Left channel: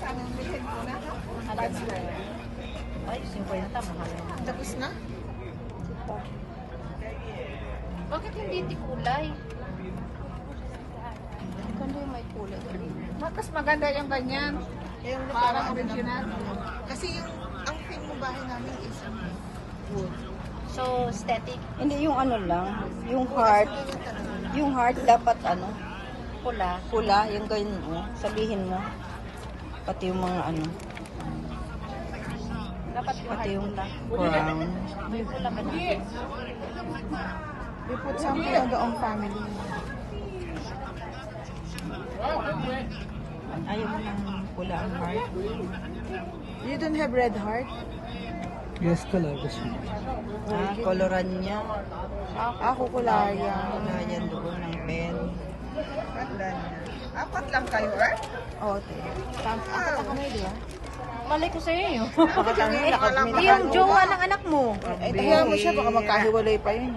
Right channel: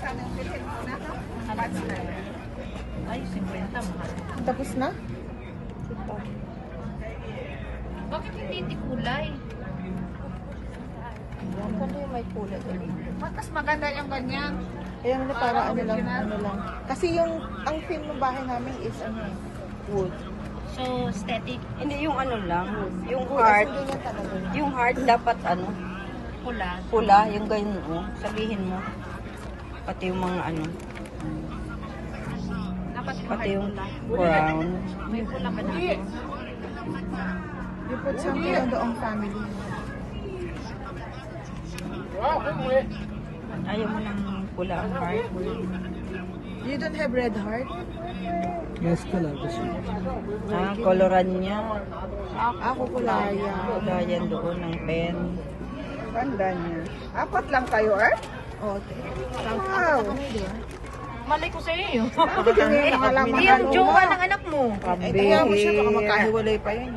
Sana yung bilhin ko na. Ay, 50 mahal. Tapos na? Bakit hindi kulay? Maganda yung may kulay. Mas maganda yung ganyan. Yung para ano lang, ano lang. Kasi yung, ang theme ng bahay namin is wood. So, aesthetic. Hindi yung ano lang, yung heart. Yung heart dapat ano, Pula. pula, yung ganyan oh, sabihin mo. Pati yung mga ano, Dapat pati yung brown. may pula ba na ako? We put something in the own family. Ayaw mo ng pula ang heart. You don't have red heart? Yes, talaga siya. Ah, koloran niya. Ako kulaya. Kulayan doon ng pen. Ganda niya. Apat lang kayo, eh? Oh, wow. Malay ko sa iyo. Ako din yung mga laman. Hindi yung jowa ng anak mo. Kaya mo siya, baka magkahiwalay pa yun.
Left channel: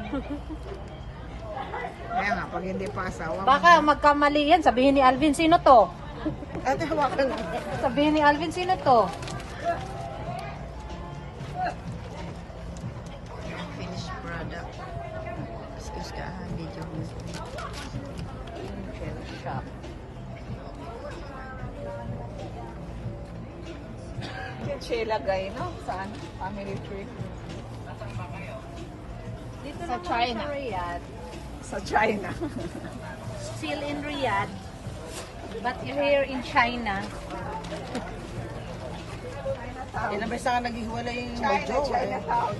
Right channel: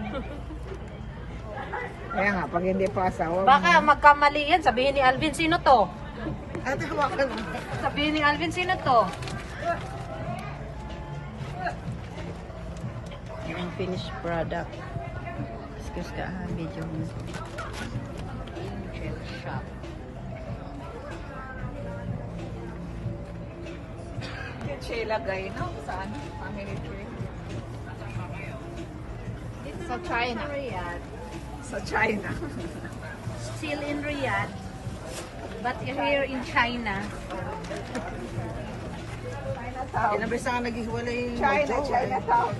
Kaya nga, pag hindi pa asawa. Baka magkamali yan. Sabihin ni Alvin, sino to? Eto, hawakan mo. Sabihin ni Alvin, sino to? Yung finished product. Excuse ka ha, video mo. Shop. Yung Sheila Guy, no? Saan? Family trip. Sa China. Sa China. Still in Riyadh. But here in China. Ilang beses nga naghiwalay yung China, Chinatown.